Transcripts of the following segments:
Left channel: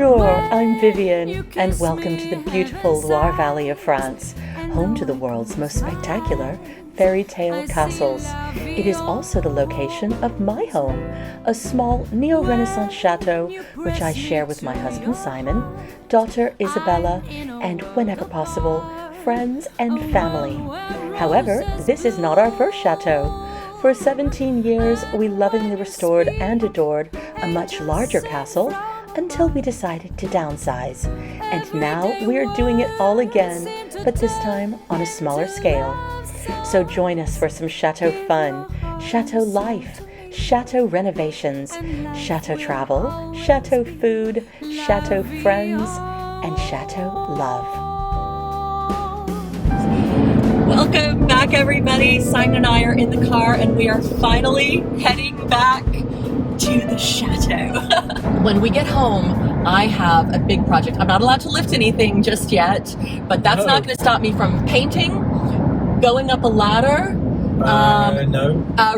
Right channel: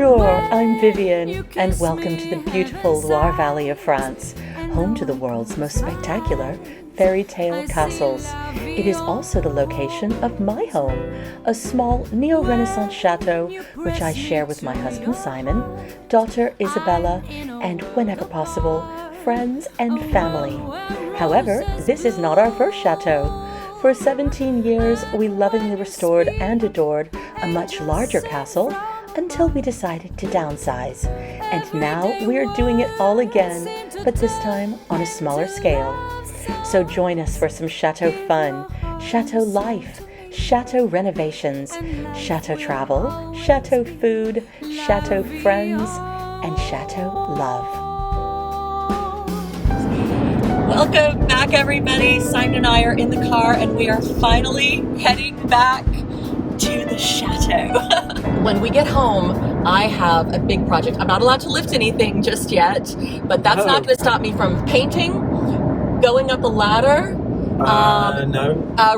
Bonjour, I'm Vivienne, and welcome to the beautiful Loire Valley of France, home to the world's most spectacular fairy tale castles. It is also the location of my home, a small neo-Renaissance chateau which I share with my husband Simon, daughter Isabella, and whenever possible, friends and family. However, this is not our first chateau. For 17 years, we lovingly restored and adored a much larger castle until we decided to downsize. And now we're doing it all again, but this time on a smaller scale. So join us for some chateau fun, chateau life, chateau renovations, chateau travel, chateau food, chateau friends, and chateau love. Welcome back, everybody. Simon and I are in the car and we are finally heading back to the chateau. When we get home, I have a big project. I'm not allowed to lift anything just yet, but that's not going to stop me from painting, going up a ladder,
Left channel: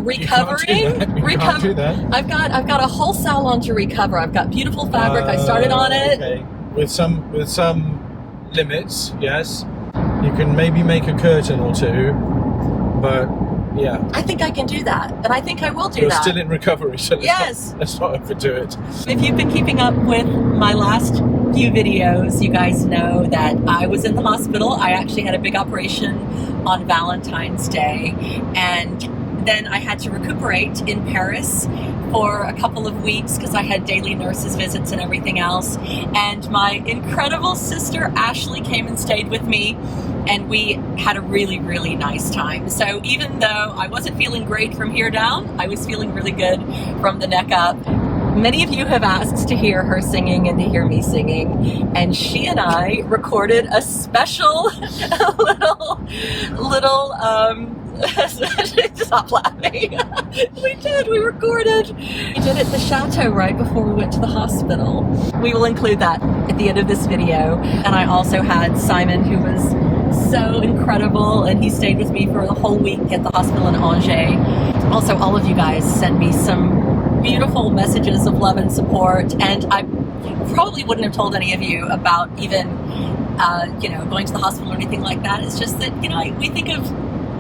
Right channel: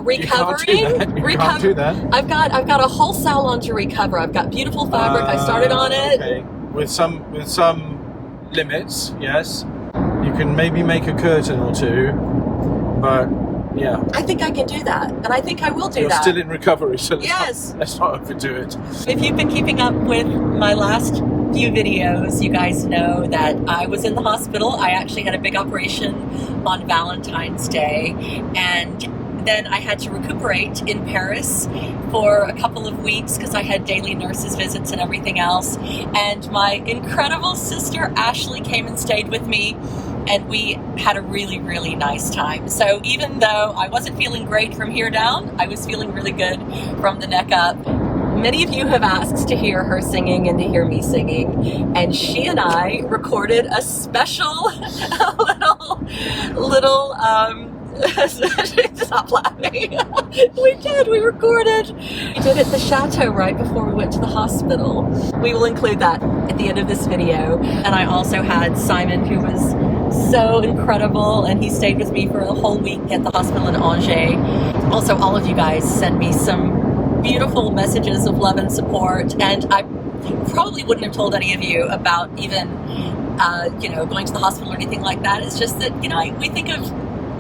recovering. You can't do that. I've got a whole salon to recover. I've got beautiful fabric. I started on it. Okay. With some limits, yes. You can maybe make a curtain or two, but yeah. I think I can do that, and I think I will do You're that. still in recovery, so Yes. let's not overdo it. If you've been keeping up with my last few videos, you guys know that I was in the hospital. I actually had a big operation on Valentine's Day, and then I had to recuperate in Paris for a couple of weeks because I had daily nurses visits and everything else. And my incredible sister Ashley came and stayed with me, and we had a really, really nice time. So even though I wasn't feeling great from here down, I was feeling really good from the neck up. Many of you have asked to hear her singing and to hear me singing, and she and I recorded a special little stop laughing. We recorded. We did it at the chateau right before we went to the hospital. We will include that at the end of this video. And I also had Simon, who was so incredible, and he stayed with me for the whole week at the hospital in Angers. Also, all of you guys send me some beautiful messages of love and support, and I probably wouldn't have told any of you about even going to the hospital or anything like that. It's just that we think of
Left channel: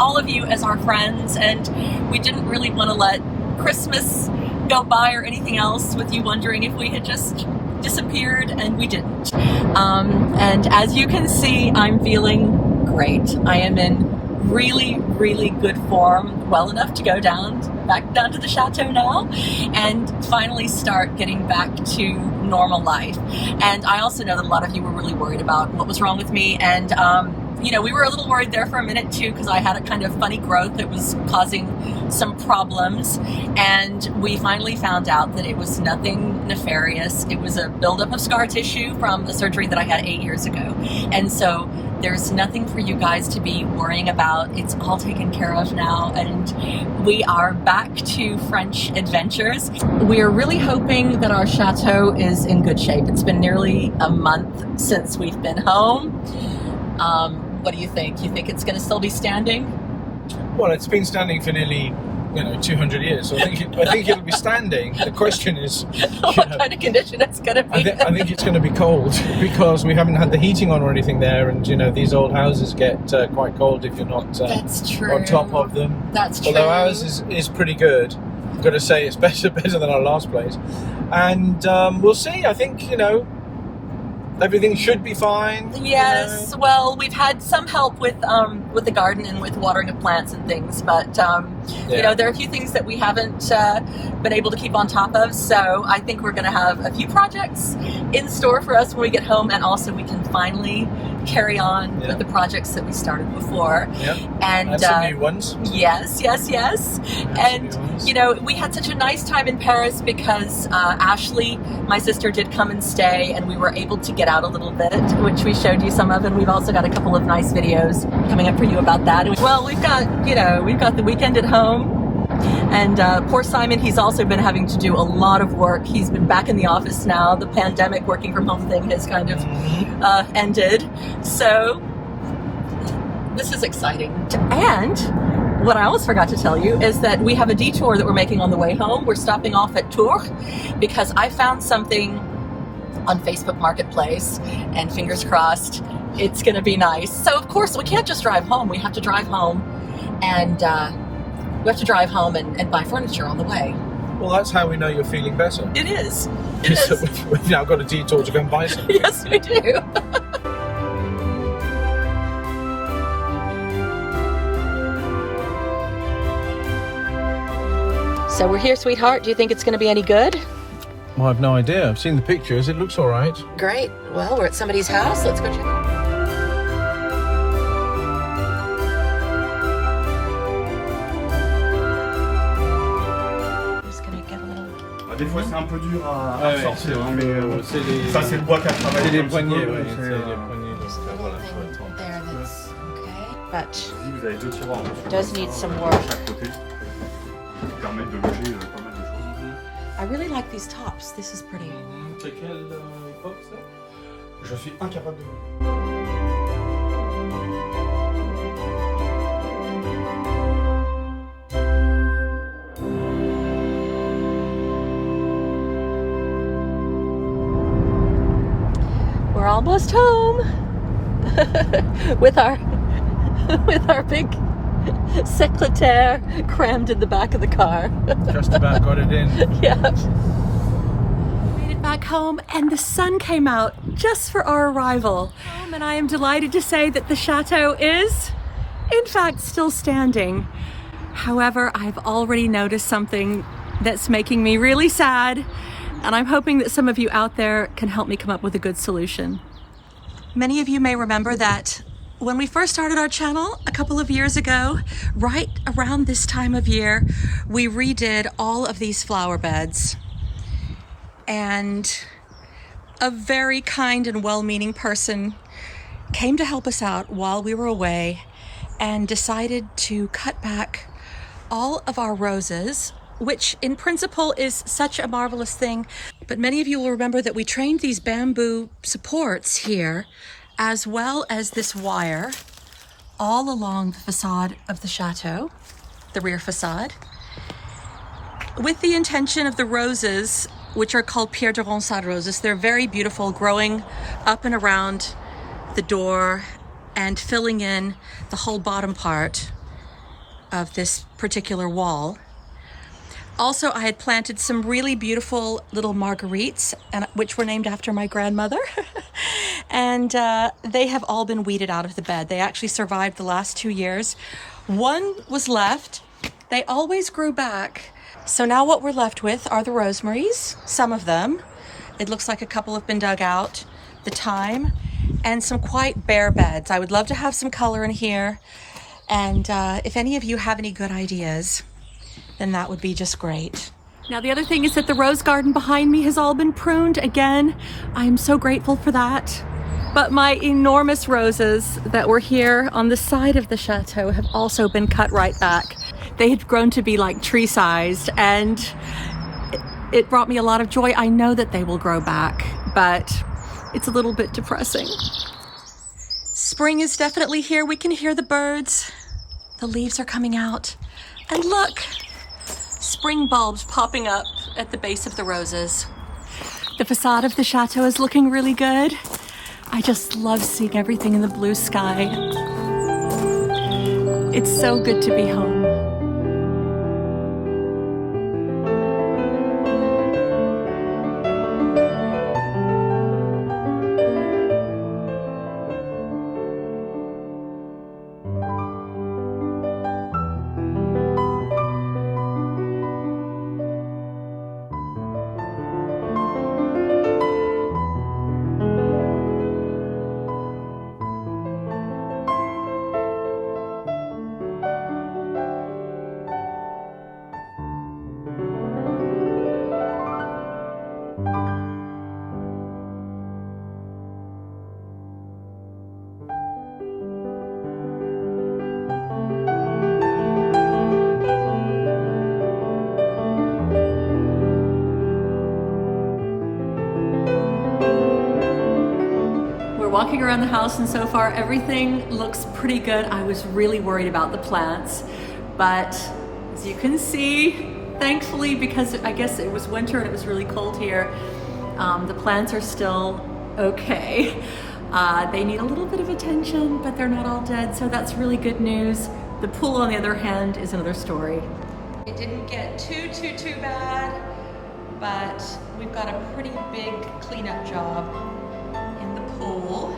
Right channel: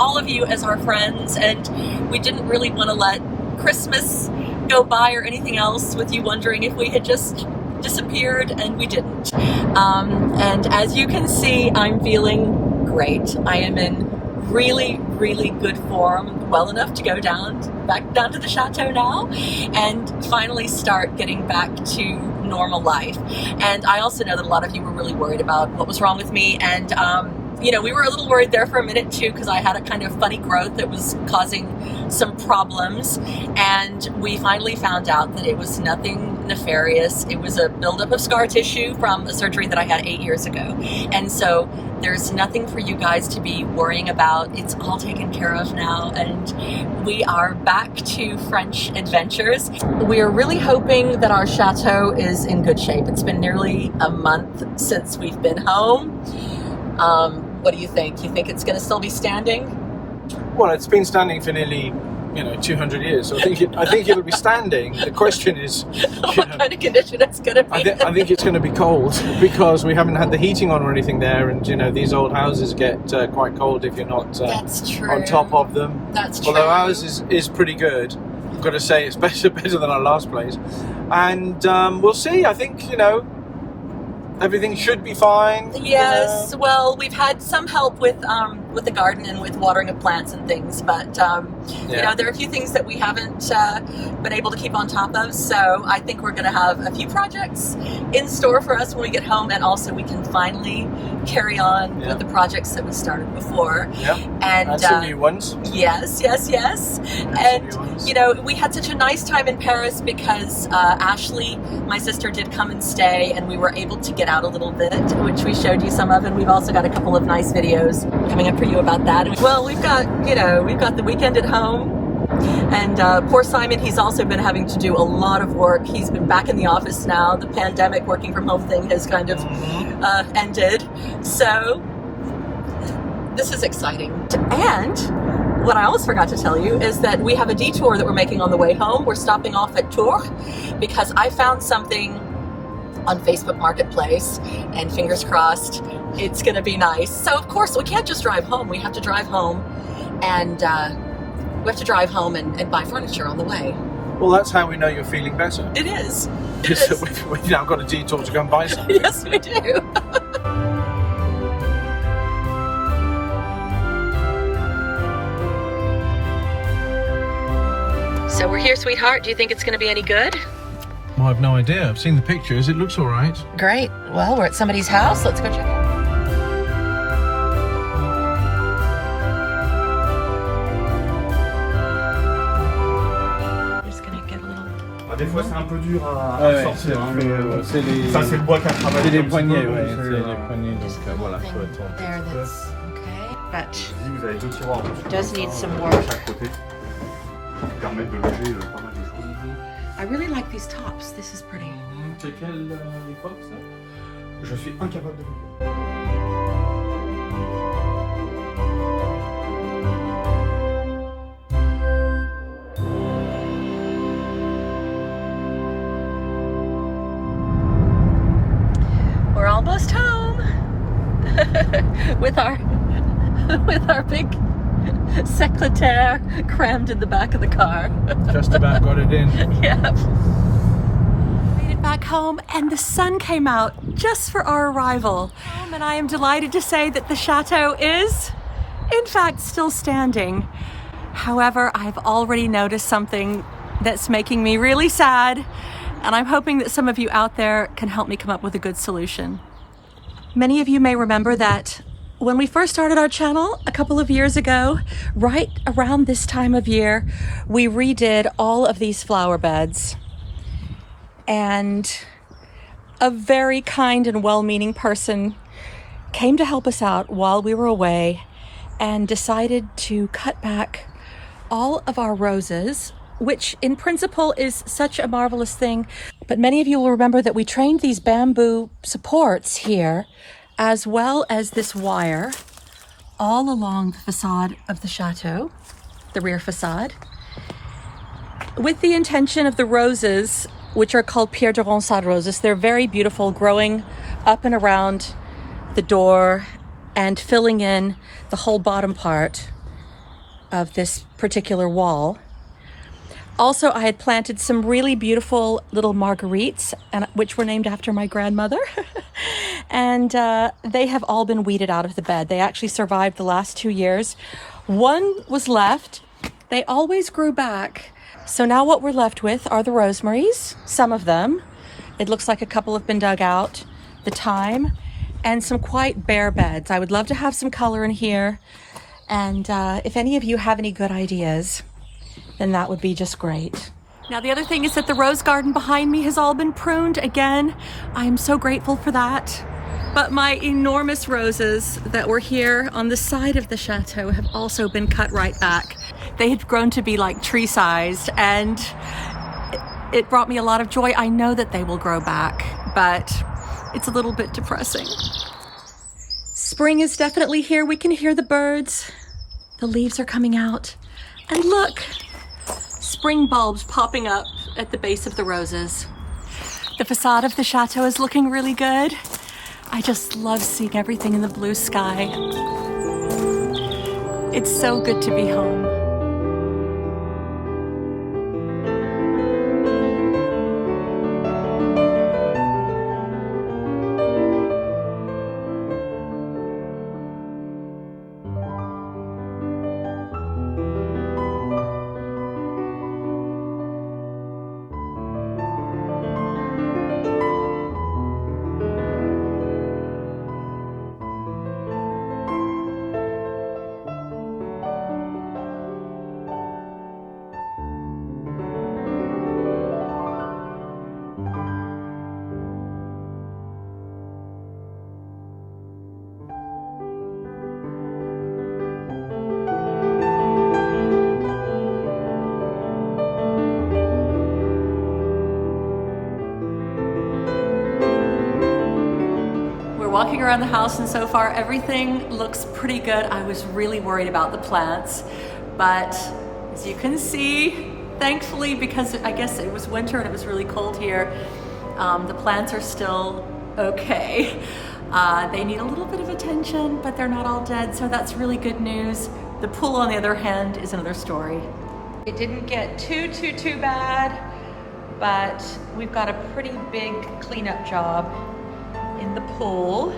all of you as our friends, and we didn't really want to let Christmas go by or anything else with you wondering if we had just disappeared, and we didn't. And as you can see, I'm feeling great. I am in really, really good form, well enough to go back down to the chateau now and finally start getting back to normal life. And I also know that a lot of you were really worried about what was wrong with me, and we were a little worried there for a minute too, because I had a kind of funny growth that was causing some problems, and we finally found out that it was nothing nefarious. It was a buildup of scar tissue from a surgery that I had 8 years ago, and so there's nothing for you guys to be worrying about. It's all taken care of now, and we are back to French adventures. We are really hoping that our chateau is in good shape. It's been nearly a month since we've been home. What do you think? You think it's going to still be standing? Well, it's been standing for nearly 200 years, so I think it'll be standing. The question is what kind of condition it's going to be. I think it's going to be cold because we haven't had the heating on or anything there, and these old houses get quite cold if you're not That's true. on top of them. That's true. Although ours is pretty good. I've got to say it's better than our last place, and we'll see. I think everything should be fine. Yes, well, we've had some help with the garden and with watering of plants and things, but there are a few things that we haven't been able to keep on top of, so I think we're going to have a few projects in store for us when we get home, and also we can finally carry on with the projects that we started before. Yeah. And some new ones. Yes. And we had such a nice time in Paris because Ashley, my sister, did come and stay, and we were able to get out a little bit, which we showed you some of, and we've also got a couple of nice videos coming up for you about that. Well, we've got the weekend at home, and poor Simon, he's also been having to do a lot of work. He's been back in the office now. The pandemic working from home thing has kind of ended, so this is exciting. And what I almost forgot to tell you is that we have a detour that we're making on the way home. We're stopping off at Tours because I found something on Facebook Marketplace, and fingers crossed, it's gonna be nice. So of course, we can't just drive home. We have to drive home and buy furniture on the way. Well, that's how we know you're feeling better. It is. We've now got a detour to go and buy something. Yes, we do. So we're here, sweetheart. Do you think it's going to be any good? Well, I've no idea. I've seen the pictures. It looks all right. Great. Well, we're at somebody's house. Let's go check it out. Des fois c'est un peu dur à sortir, hein, mais ça c'est le bois qu'à travailler. C'est les poignées, ouais. C'est les poignées. Voilà, there, that's okay. But Vous avez deux tiroirs en fait. Does need some work. À chaque côté qui permettent de loger pas mal de choses. I really like these tops. This is pretty. C'est quelle époque ça? Je suis incapable de voir. We're almost home with our big secrétaire crammed in the back of the car. Just about got it in. Yeah. Made it back home and the sun came out just for our arrival. And I am delighted to say that the chateau is, in fact, still standing. However, I've already noticed something that's making me really sad, and I'm hoping that some of you out there can help me come up with a good solution. Many of you may remember that when we first started our channel a couple of years ago, right around this time of year, we redid all of these flower beds. And a very kind and well-meaning person came to help us out while we were away and decided to cut back all of our roses, which in principle is such a marvelous thing. But many of you will remember that we trained these bamboo supports here, as well as this wire, all along the facade of the chateau, the rear facade, with the intention of the roses, which are called Pierre de Ronsard roses. They're very beautiful, growing up and around the door and filling in the whole bottom part of this particular wall. Also, I had planted some really beautiful little marguerites, which were named after my grandmother. And they have all been weeded out of the bed. They actually survived the last 2 years. One was left. They always grew back. So now what we're left with are the rosemaries, some of them. It looks like a couple have been dug out, the thyme, and some quite bare beds. I would love to have some color in here. And if any of you have any good ideas, then that would be just great. Now the other thing is that the rose garden behind me has all been pruned again. I am so grateful for that. But my enormous roses that were here on the side of the chateau have also been cut right back. They had grown to be like tree-sized, and it brought me a lot of joy. I know that they will grow back, but it's a little bit depressing. Spring is definitely here. We can hear the birds. The leaves are coming out. And look, spring bulbs popping up at the base of the roses. The facade of the chateau is looking really good. I just love seeing everything in the blue sky. It's so good to be home. Walking around the house, and so far everything looks pretty good. I was really worried about the plants, but as you can see, thankfully, because I guess it was winter and it was really cold here, The plants are still okay. They need a little bit of attention, but they're not all dead, so that's really good news. The pool, on the other hand, is another story. It didn't get too bad, but we've got a pretty big cleanup job in the pool.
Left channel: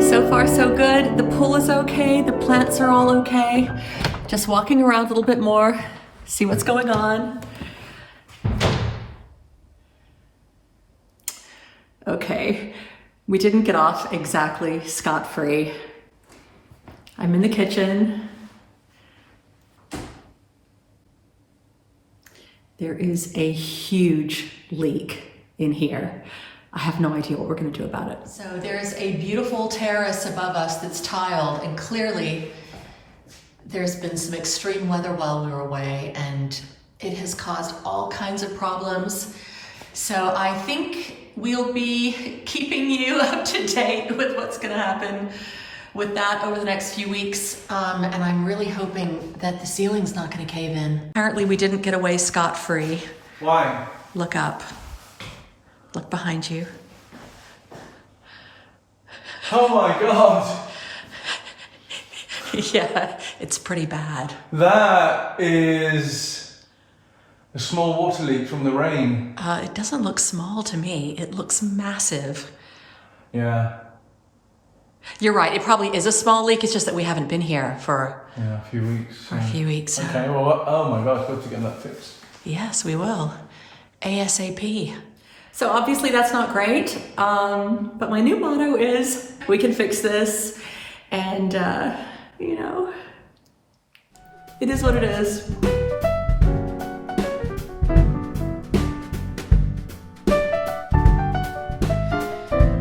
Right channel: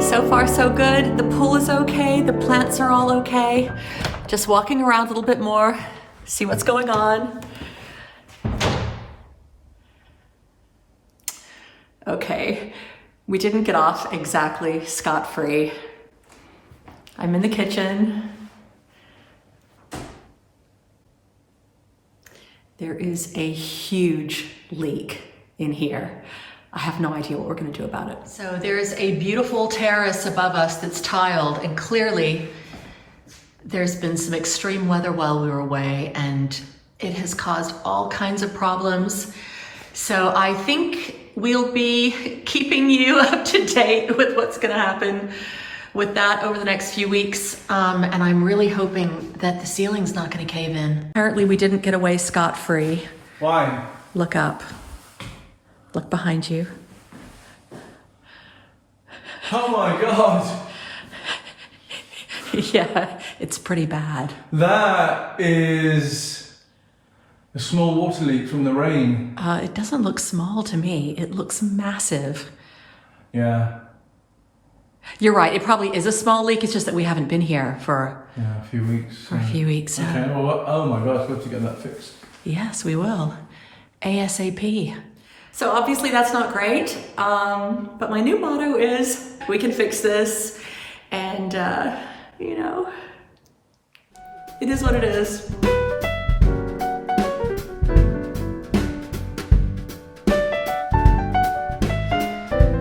So far so good. The pool is okay, the plants are all okay. Just walking around a little bit more, see what's going on. Okay, we didn't get off exactly scot-free. I'm in the kitchen. There is a huge leak in here. I have no idea what we're gonna do about it. So there's a beautiful terrace above us that's tiled, and clearly there's been some extreme weather while we were away, and it has caused all kinds of problems. So I think we'll be keeping you up to date with what's gonna happen with that over the next few weeks. And I'm really hoping that the ceiling's not gonna cave in. Apparently we didn't get away scot-free. Why? Look up. Look behind you. Oh my God. Yeah, it's pretty bad. That is a small water leak from the rain. It doesn't look small to me. It looks massive. Yeah. You're right, it probably is a small leak. It's just that we haven't been here for a few weeks. a few weeks. Okay, well, oh my gosh, we'll have to get that fixed. Yes, we will. ASAP. So obviously that's not great, but my new motto is, we can fix this, and you know, it is what it is.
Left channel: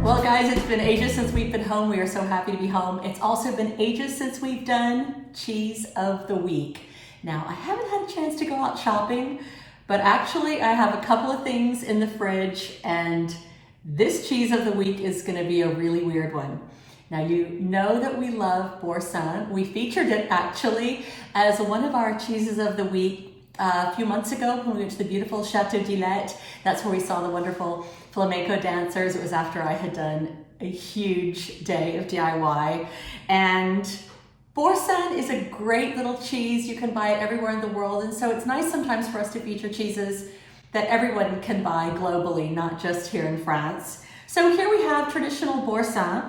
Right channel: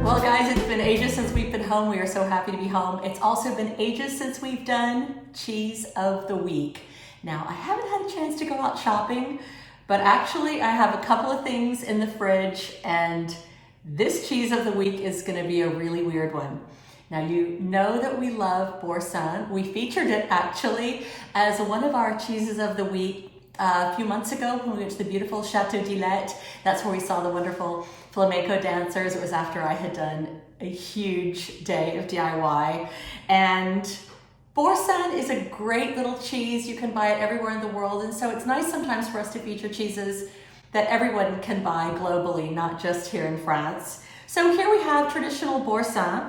Well guys, it's been ages since we've been home. We are so happy to be home. It's also been ages since we've done Cheese of the Week. Now, I haven't had a chance to go out shopping, but actually I have a couple of things in the fridge, and this Cheese of the Week is gonna be a really weird one. Now, you know that we love boursin. We featured it actually as one of our Cheeses of the Week a few months ago when we went to the beautiful Chateau Love. That's where we saw the wonderful flamenco dancers. It was after I had done a huge day of DIY. And boursin is a great little cheese. You can buy it everywhere in the world. And so it's nice sometimes for us to feature cheeses that everyone can buy globally, not just here in France. So here we have traditional boursin,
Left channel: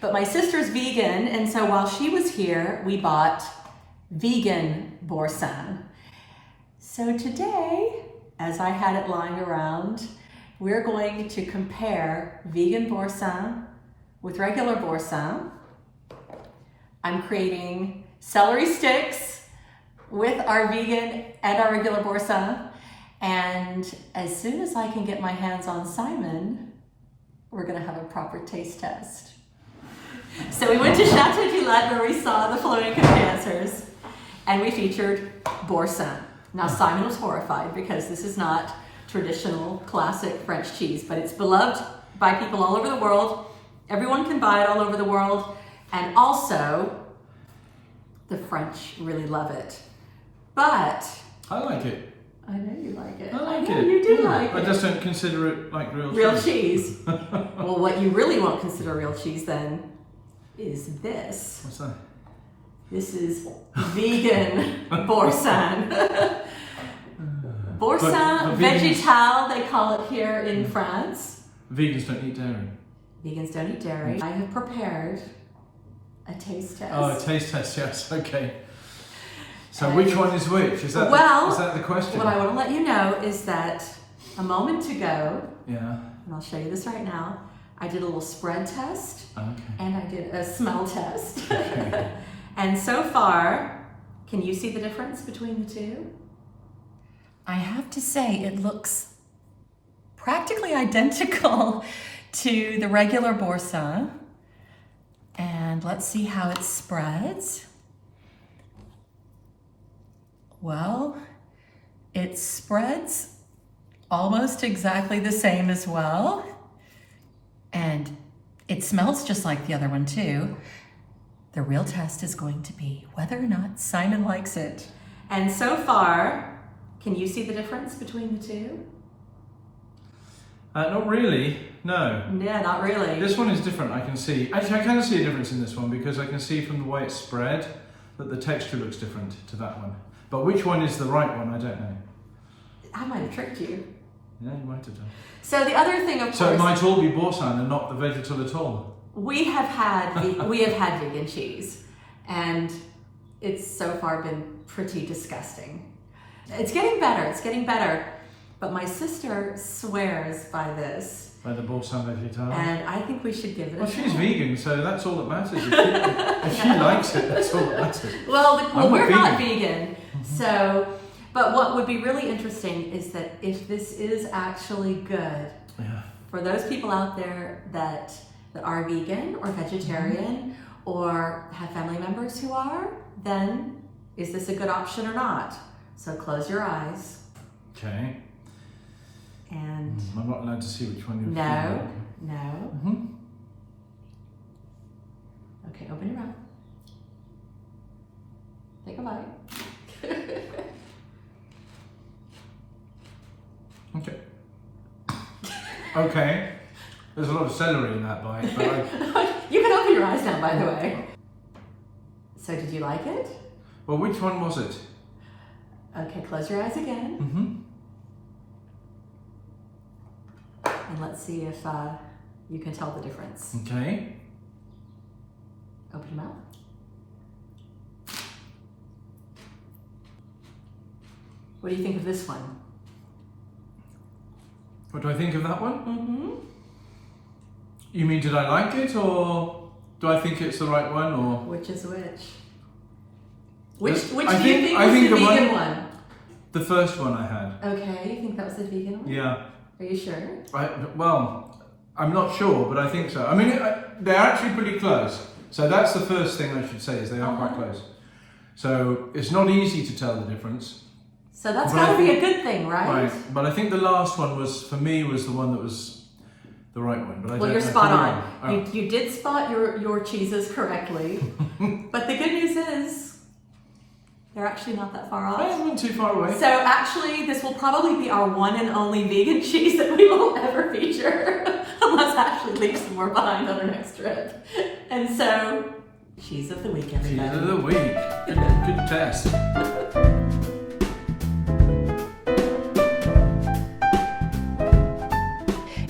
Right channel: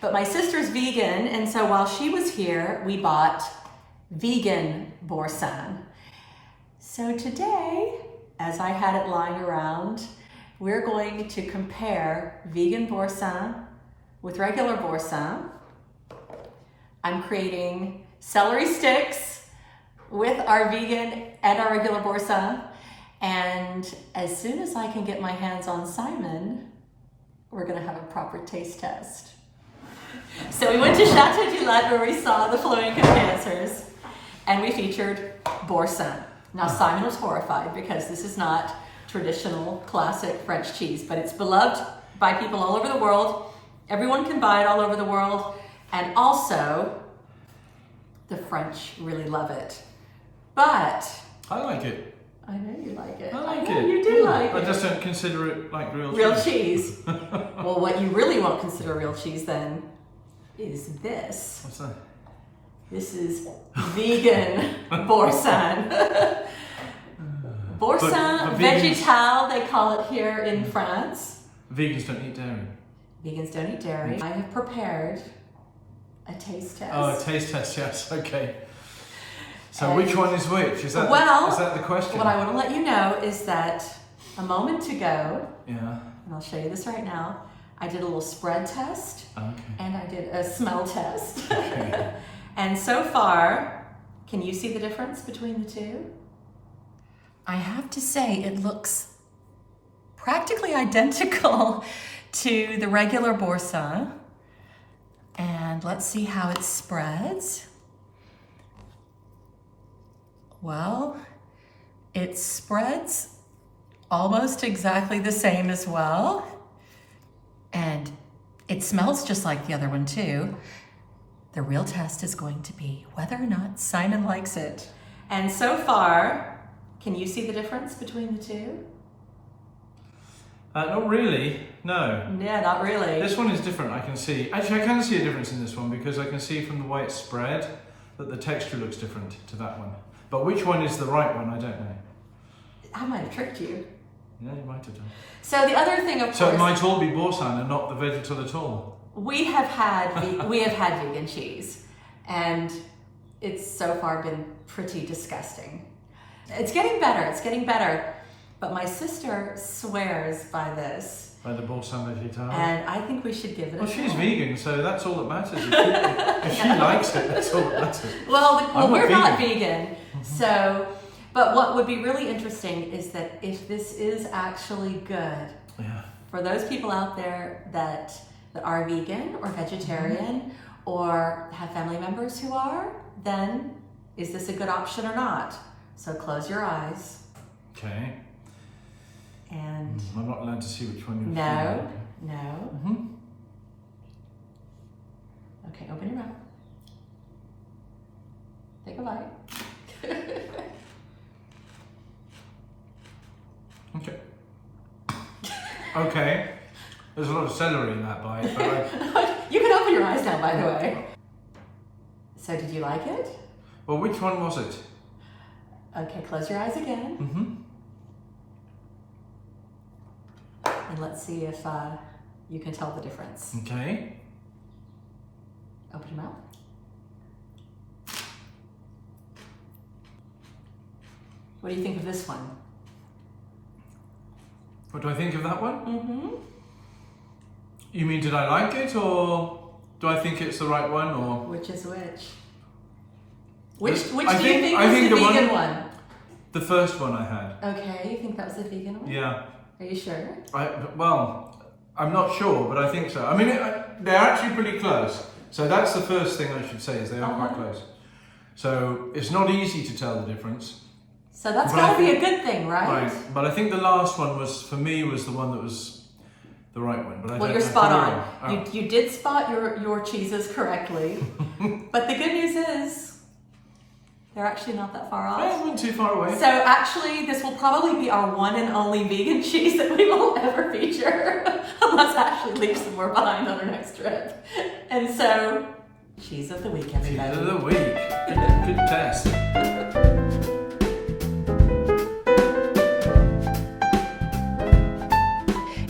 but my sister's vegan. And so while she was here, we bought vegan boursin. So today, as I had it lying around, we're going to compare vegan boursin with regular boursin. I'm creating celery sticks with our vegan and our regular boursin. And as soon as I can get my hands on Simon, we're gonna have a proper taste test. So we went to Chateau Love where we saw the flamenco dancers, and we featured boursin. Now Simon was horrified because this is not traditional classic French cheese, but it's beloved by people all over the world. Everyone can buy it all over the world. And also, the French really love it. But I like it. I know you like it. I like know it. You do like I it. just don't consider it like Real cheese. Well, what you really won't consider real cheese then is this. What's that? This is vegan boursin. Boursin But végétal, they call it here in France. Vegans don't eat dairy. Vegans don't eat dairy. I have prepared a taste test. Oh, a taste test, yes, okay. So which one is which? Is that the question? What I want to let you know is that a moment ago, yeah, and I'll show you this right now, I did a little spread test, okay, and I did a smell test. Okay. And so far, can you see the difference between the two? I have to say it looks practically identical to the regular boursin. And let's see how it spreads. Well, it spreads almost exactly the same as well. And it smells just like the other one too. The real test is going to be whether or not Simon likes it. And so far, can you see the difference between the two? Not really, no. Yeah, not really. This one is different, I can see. Actually, I can see a difference in this one because I can see from the way it's spread that the texture looks different to that one. But which one is the right one, I don't know. I might have tricked you. Yeah, you might have done. So the other thing, of course... So it might all be Boursin and not the vegetable at all. We have had vegan cheese, and it's so far been pretty disgusting. It's getting better, but my sister swears by this. By the Boursin vegetable. And I think we should give it a she's try. vegan, so that's all that matters. If she likes it, that's all that matters. Well, we're not vegan, so... But what would be really interesting is that if this is actually good, for those people out there that are vegan or vegetarian or have family members who are, then is this a good option or not? So close your eyes. Okay. And I'm not allowed to see which one you're No. Mm-hmm. Okay, open your mouth. Take a bite. Okay. Okay. There's a lot of celery in that bite, but You can open your eyes now, by the way. So did you like it? Well, which one was it? Okay, close your eyes again. Mm-hmm. And let's see if you can tell the difference. Okay. Open your mouth. What do you think of this one? What do I think of that one? Mm-hmm. You mean, did I like it, or do I think it's the right one, or? Which is which? Which do you I think think was the the vegan one? The first one I had. Okay, you think that was the vegan one? Yeah. Are you sure? Well, I'm not sure, but I think so. I mean, they're actually pretty close. So that's the first thing I should say, is they are quite close. So it's not easy to tell the difference. So that's got to be a good thing, right? Right, but I think the last one was, for me, was the one that was the right one. But Well, you're spot on. You did spot your cheeses correctly. But the good news is, they're actually not that far off. I wasn't too far away. So actually, this will probably be our one and only vegan cheese that we will ever feature, unless Ashley leaves some more behind on her next trip. And so, cheese of the week, everybody. Cheese of the week. Good test.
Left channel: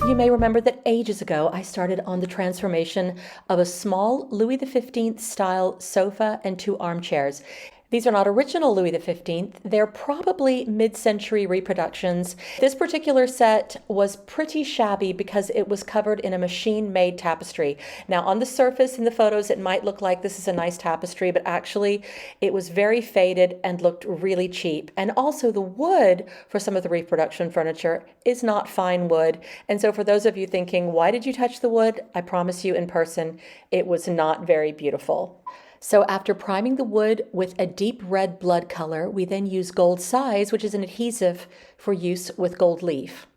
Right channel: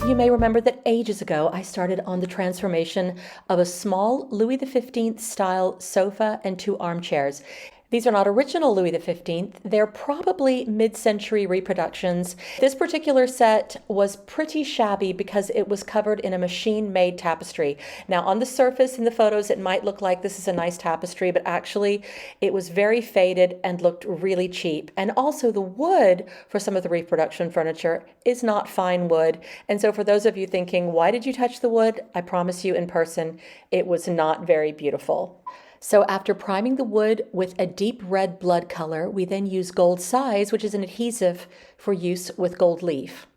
You may remember that ages ago I started on the transformation of a small Louis XV style sofa and 2 armchairs. These are not original Louis XV, they're probably mid-century reproductions. This particular set was pretty shabby because it was covered in a machine-made tapestry. Now on the surface in the photos it might look like this is a nice tapestry, but actually it was very faded and looked really cheap. And also the wood for some of the reproduction furniture is not fine wood. And so for those of you thinking, why did you touch the wood? I promise you in person, it was not very beautiful. So after priming the wood with a deep red blood color, we then use gold size, which is an adhesive for use with gold leaf.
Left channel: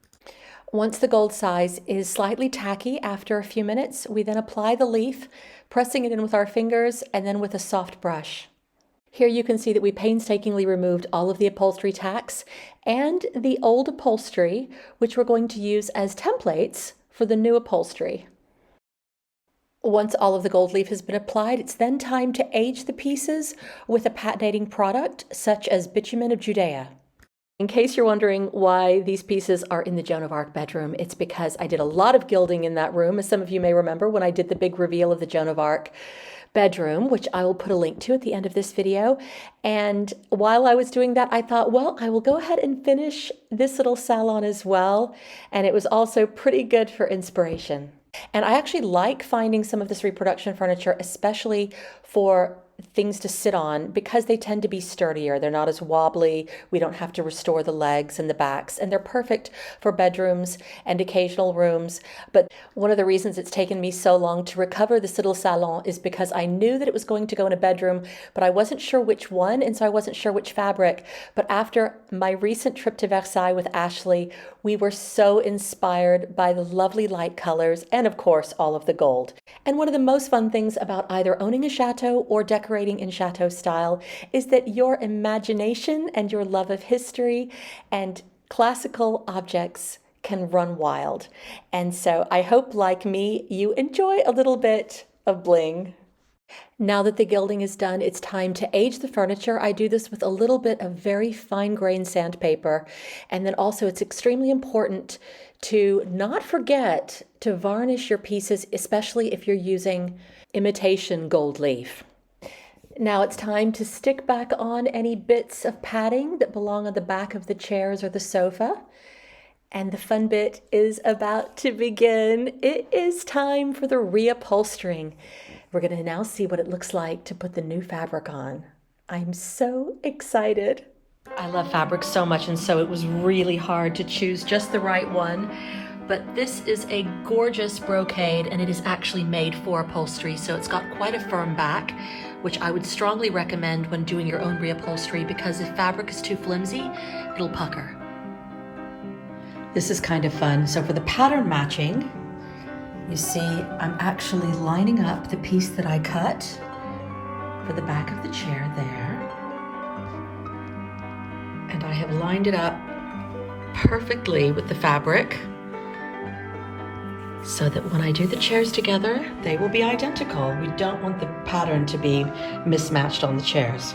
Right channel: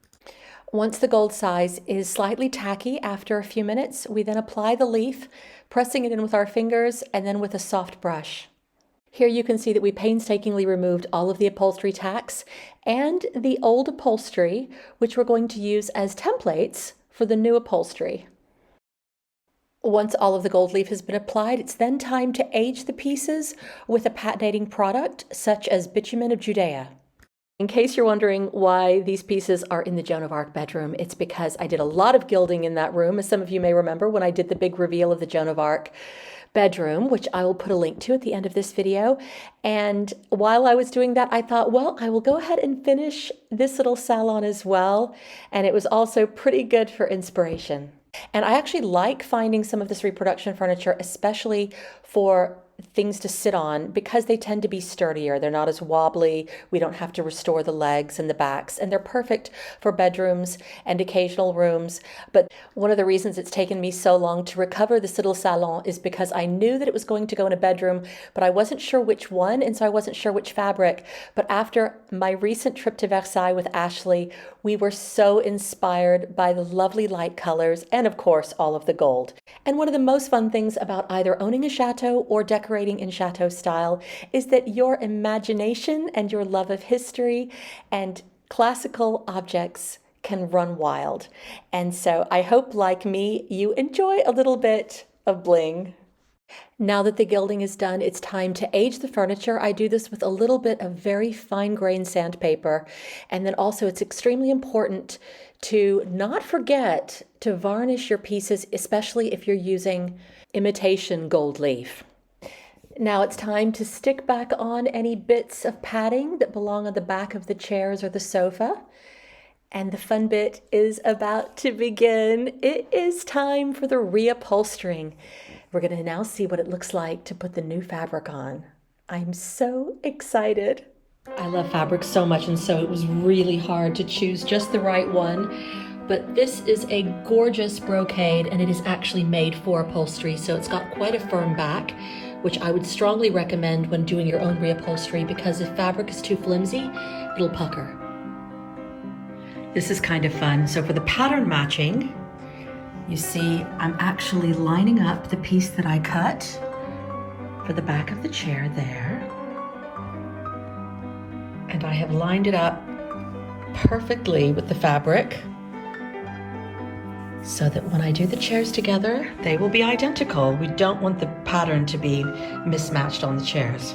Once the gold size is slightly tacky after a few minutes, we then apply the leaf, pressing it in with our fingers and then with a soft brush. Here you can see that we painstakingly removed all of the upholstery tacks and the old upholstery, which we're going to use as templates for the new upholstery. Once all of the gold leaf has been applied, it's then time to age the pieces with a patinating product such as bitumen of Judea. In case you're wondering why these pieces are in the Joan of Arc bedroom, it's because I did a lot of gilding in that room, as some of you may remember when I did the big reveal of the Joan of Arc bedroom, which I will put a link to at the end of this video. And while I was doing that, I thought, well, I will go ahead and finish this little salon as well. And it was also pretty good for inspiration. And I actually like finding some of this reproduction furniture, especially for things to sit on because they tend to be sturdier. They're not as wobbly. We don't have to restore the legs and the backs, and they're perfect for bedrooms and occasional rooms. But one of the reasons it's taken me so long to recover this little salon is because I knew that it was going to go in a bedroom, but I wasn't sure which one, and so I wasn't sure which fabric. But after my recent trip to Versailles with Ashley, we were so inspired by the lovely light colors and, of course, all of the gold. And one of the most fun things about either owning a chateau or decorating in chateau style is that your imagination and your love of history and classical objects can run wild. And so I hope, like me, you enjoy a little bit of bling. Now that the gilding is done, it's time to age the furniture. I do this with a little bit of very fine-grained sandpaper. And then also it's extremely important to not forget to varnish your pieces, especially if you're using imitation gold leaf. Now it's time to stick back on any bits of padding that belong on the back of the chairs or the sofa. And the fun bit is about to begin. It is time for the reupholstering. We're going to now see what it looks like to put the new fabric on. I'm so excited. I love fabric so much, and so it was really hard to choose just the right one. But this is a gorgeous brocade, and it is actually made for upholstery, so it's got quite a firm back, which I would strongly recommend when doing your own reupholstery, because if fabric is too flimsy, it'll pucker. This is kind of fun. So for the pattern matching, you see I'm actually lining up the piece that I cut for the back of the chair there. And I have lined it up perfectly with the fabric so that when I do the chairs together, they will be identical. We don't want the pattern to be mismatched on the chairs.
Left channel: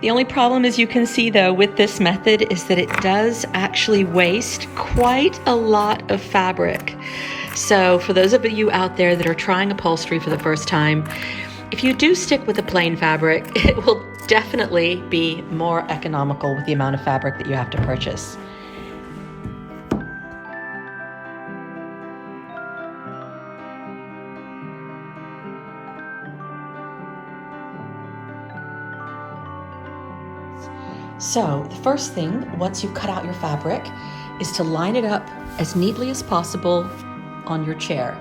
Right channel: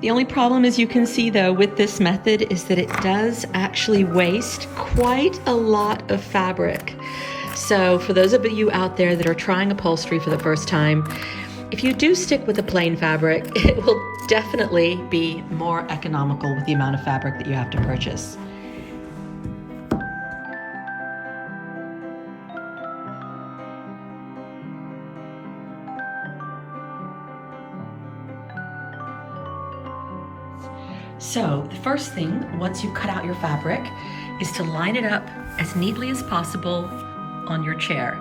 The only problem, as you can see though, with this method is that it does actually waste quite a lot of fabric. So for those of you out there that are trying upholstery for the first time, if you do stick with the plain fabric, it will definitely be more economical with the amount of fabric that you have to purchase. So the first thing, once you've cut out your fabric, is to line it up as neatly as possible on your chair.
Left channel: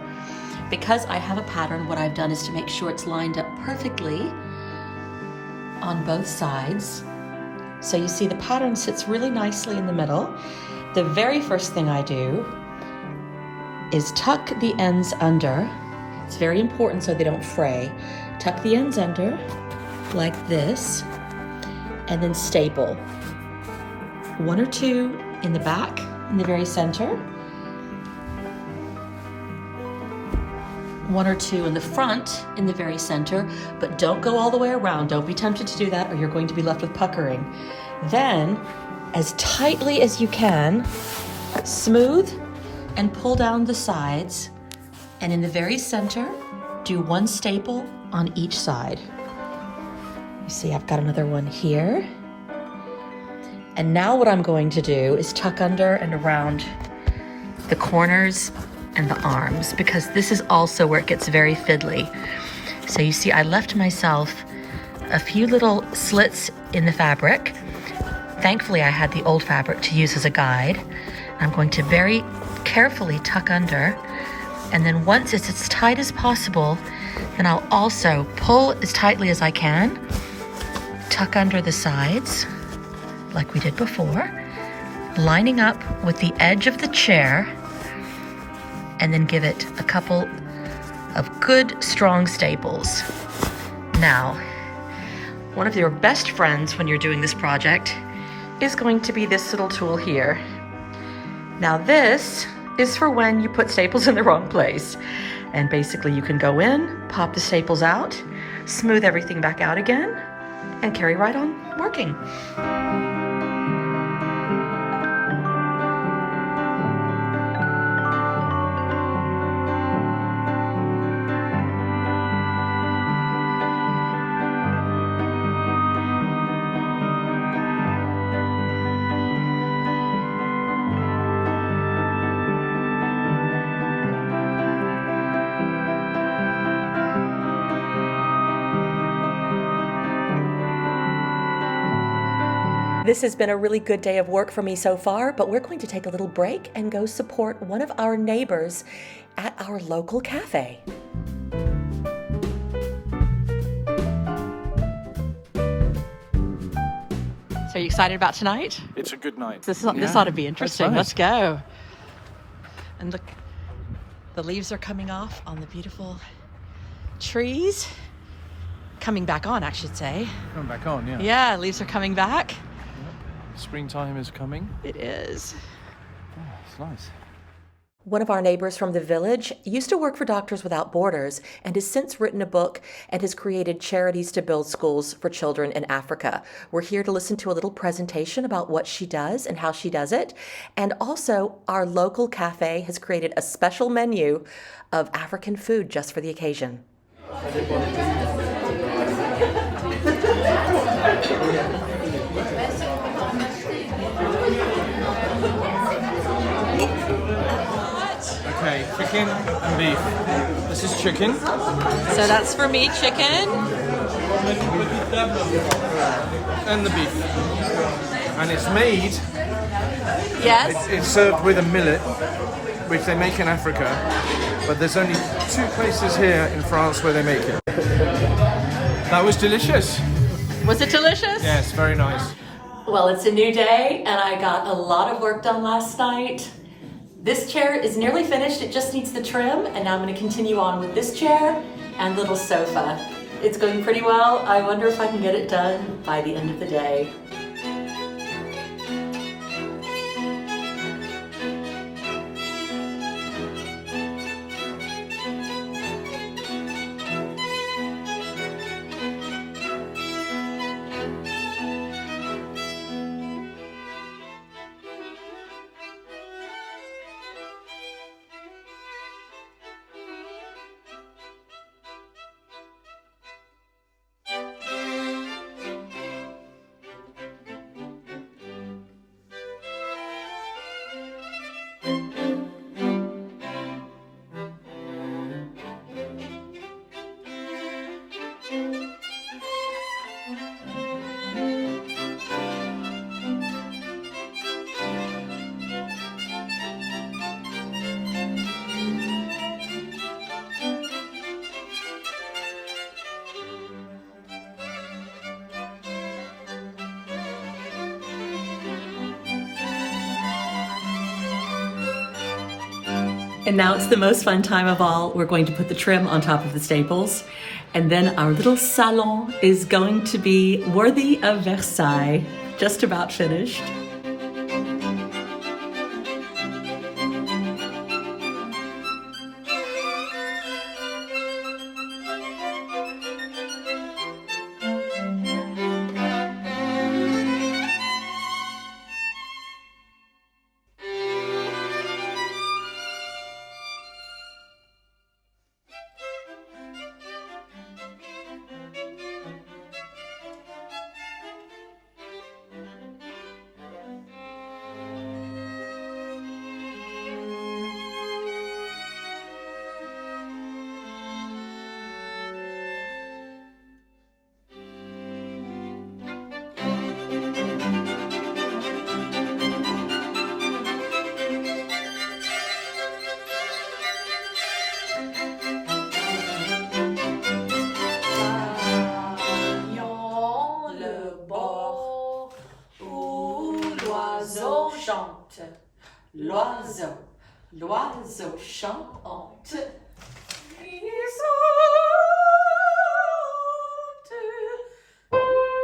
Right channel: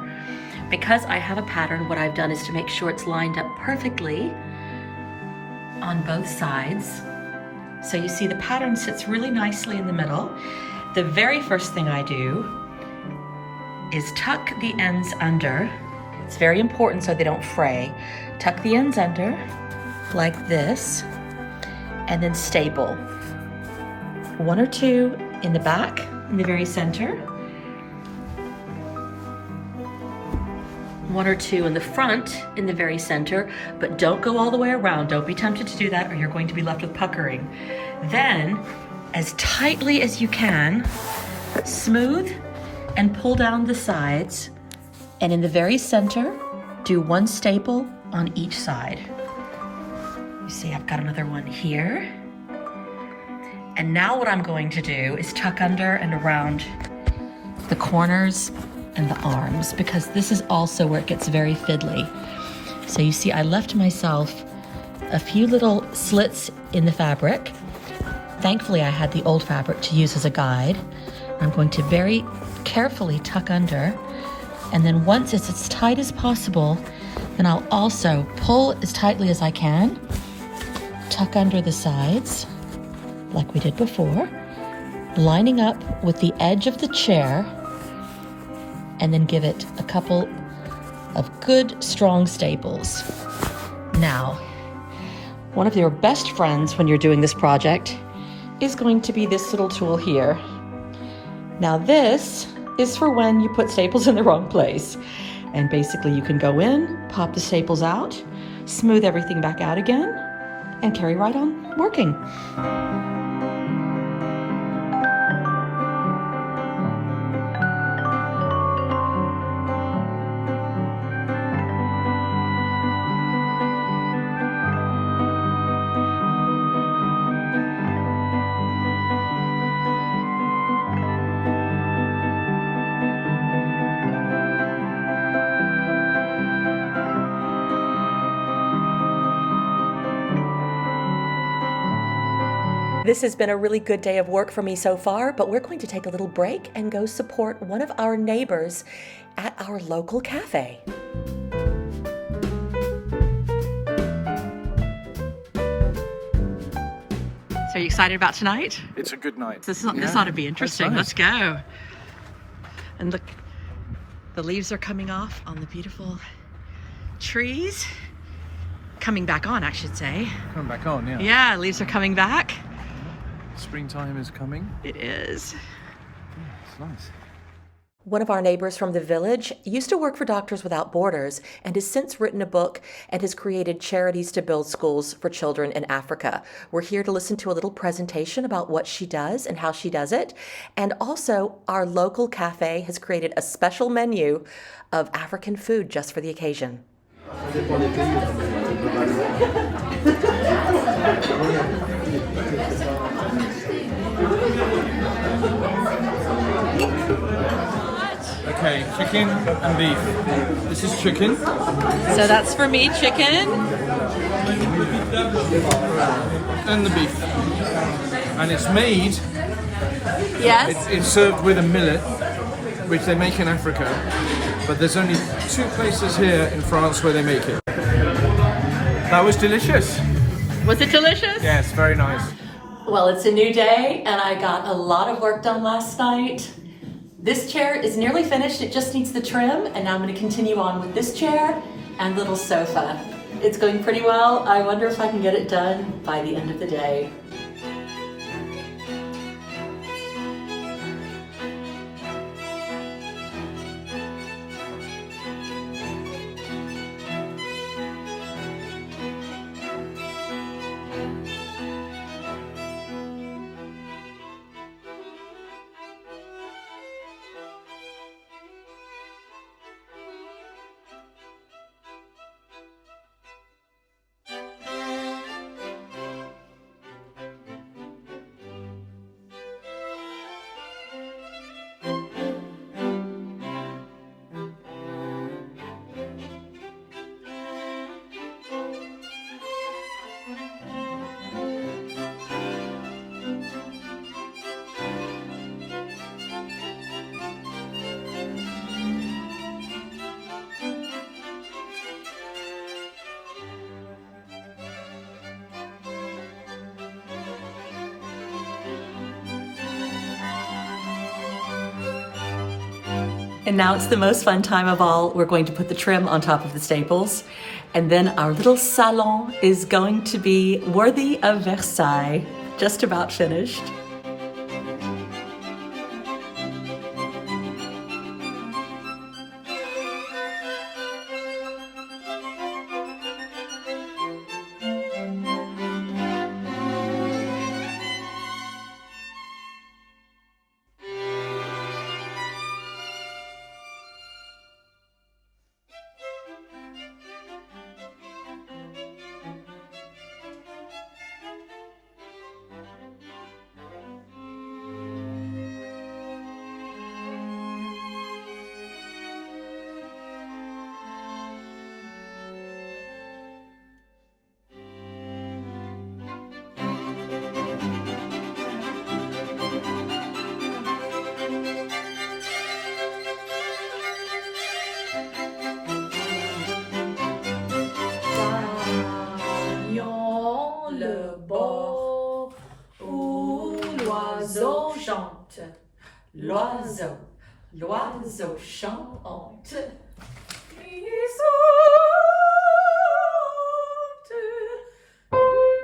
Because I have a pattern, what I've done is to make sure it's lined up perfectly on both sides. So you see the pattern sits really nicely in the middle. The very first thing I do is tuck the ends under. It's very important so they don't fray. Tuck the ends under like this, and then staple. One or two in the back, in the very center. One or two in the front, in the very center, but don't go all the way around. Don't be tempted to do that or you're going to be left with puckering. Then, as tightly as you can, smooth and pull down the sides. And in the very center, do one staple on each side. You see, I've got another one here. And now what I'm going to do is tuck under and around the corners and the arms, because this is also where it gets very fiddly. So you see, I left myself a few little slits in the fabric. Thankfully, I had the old fabric to use as a guide. I'm going to very carefully tuck under, and then once it's as tight as possible, then I'll also pull as tightly as I can, tuck under the sides, like we did before, lining up with the edge of the chair, and then give it a couple of good, strong staples. Now, one of your best friends when you're doing this project is going to be this little tool here. Now this is for when you put staples in the wrong place. And basically you can go in, pop the staples out, smooth everything back out again, and carry right on working. This has been a really good day of work for me so far, but we're going to take a little break and go support one of our neighbors at our local cafe. So are you excited about tonight? It's a good night. This ought to be interesting. Nice. Let's go. And look, the leaves are coming off on the beautiful trees. Coming back on, I should say. Coming back on, yeah. Yeah, leaves are coming back. Springtime is coming. It is. Yeah, it's nice. One of our neighbors from the village used to work for Doctors Without Borders and has since written a book and has created charities to build schools for children in Africa. We're here to listen to a little presentation about what she does and how she does it. And also, our local cafe has created a special menu of African food just for the occasion. Okay, chicken and beef. This is chicken. So that's for me, chicken. And the beef. And it's made, Yes. it's served with a millet, which they make in Africa. But there's only 2 places here in France where they make it. That was delicious. Was it delicious? Yes, very nice. Well, it's a new day and I got a lot of work done last night. This chair is nearly finished, it just needs the trim, and now I'm going to continue on with this chair and little sofa. It's going pretty well. I wonder if I can get it done by the end of the day. And now it's the most fun time of all. We're going to put the trim on top of the staples. And then our little salon is going to be worthy of Versailles. Just about finished. L'oiseau, l'oiseau chante.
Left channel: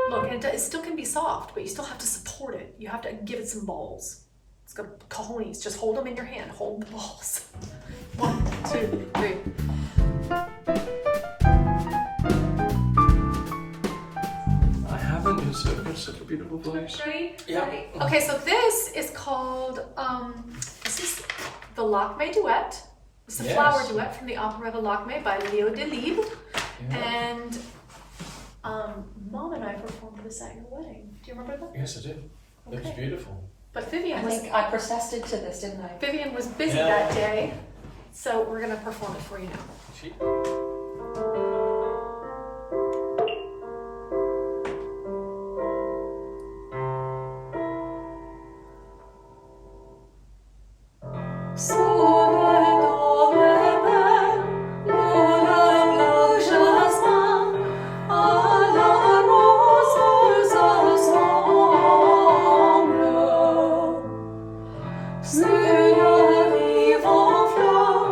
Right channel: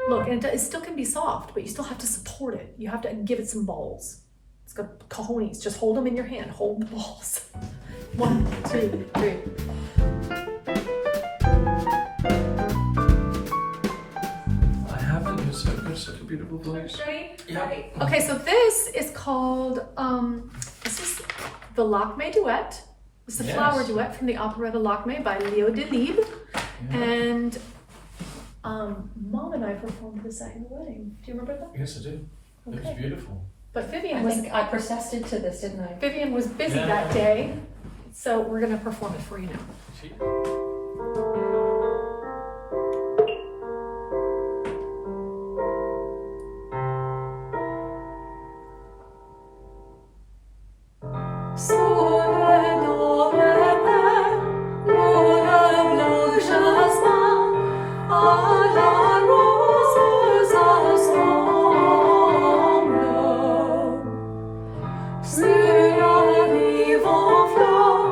Look, and it still can be soft, but you still have to support it. You have to give it some balls. It's got cojones. Just hold them in your hand. Hold the balls. 1, 2, 3. I haven't. It's such a beautiful place. Yeah. Okay, so this is called, this is the Lakmé Duet. It's the flower duet from the operetta Lakmé by Léo Delibes. Yeah. And Mom and I performed this at your wedding. Do you remember that? Yes, I do. It was beautiful. But Vivienne I think I persisted to this, didn't I? Vivienne was busy that day, so we're gonna perform it for you now. Chic. arrive en fleurs,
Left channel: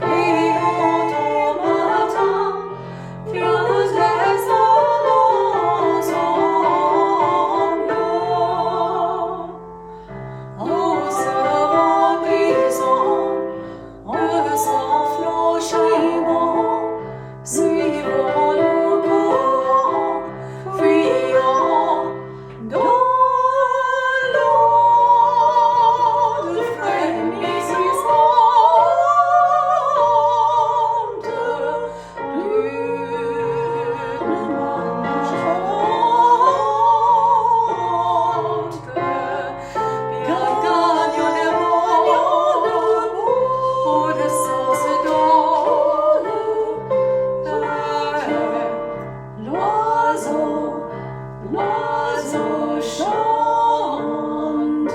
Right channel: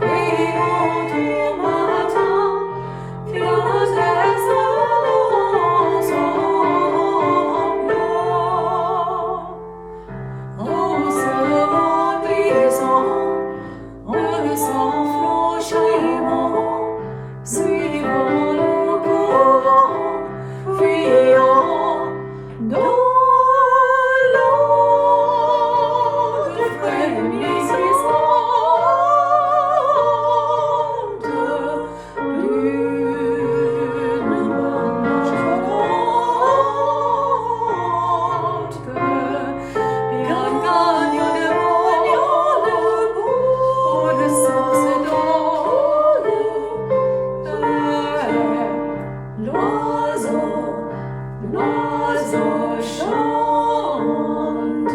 friandes au matin, fientes ensemble. En se brisant, s'enflant chaînement, suivant le courant, fuyant dans l'onde frémissante d'une marche volante. Bien gagne le bout, le sens donne. L'oiseau chante.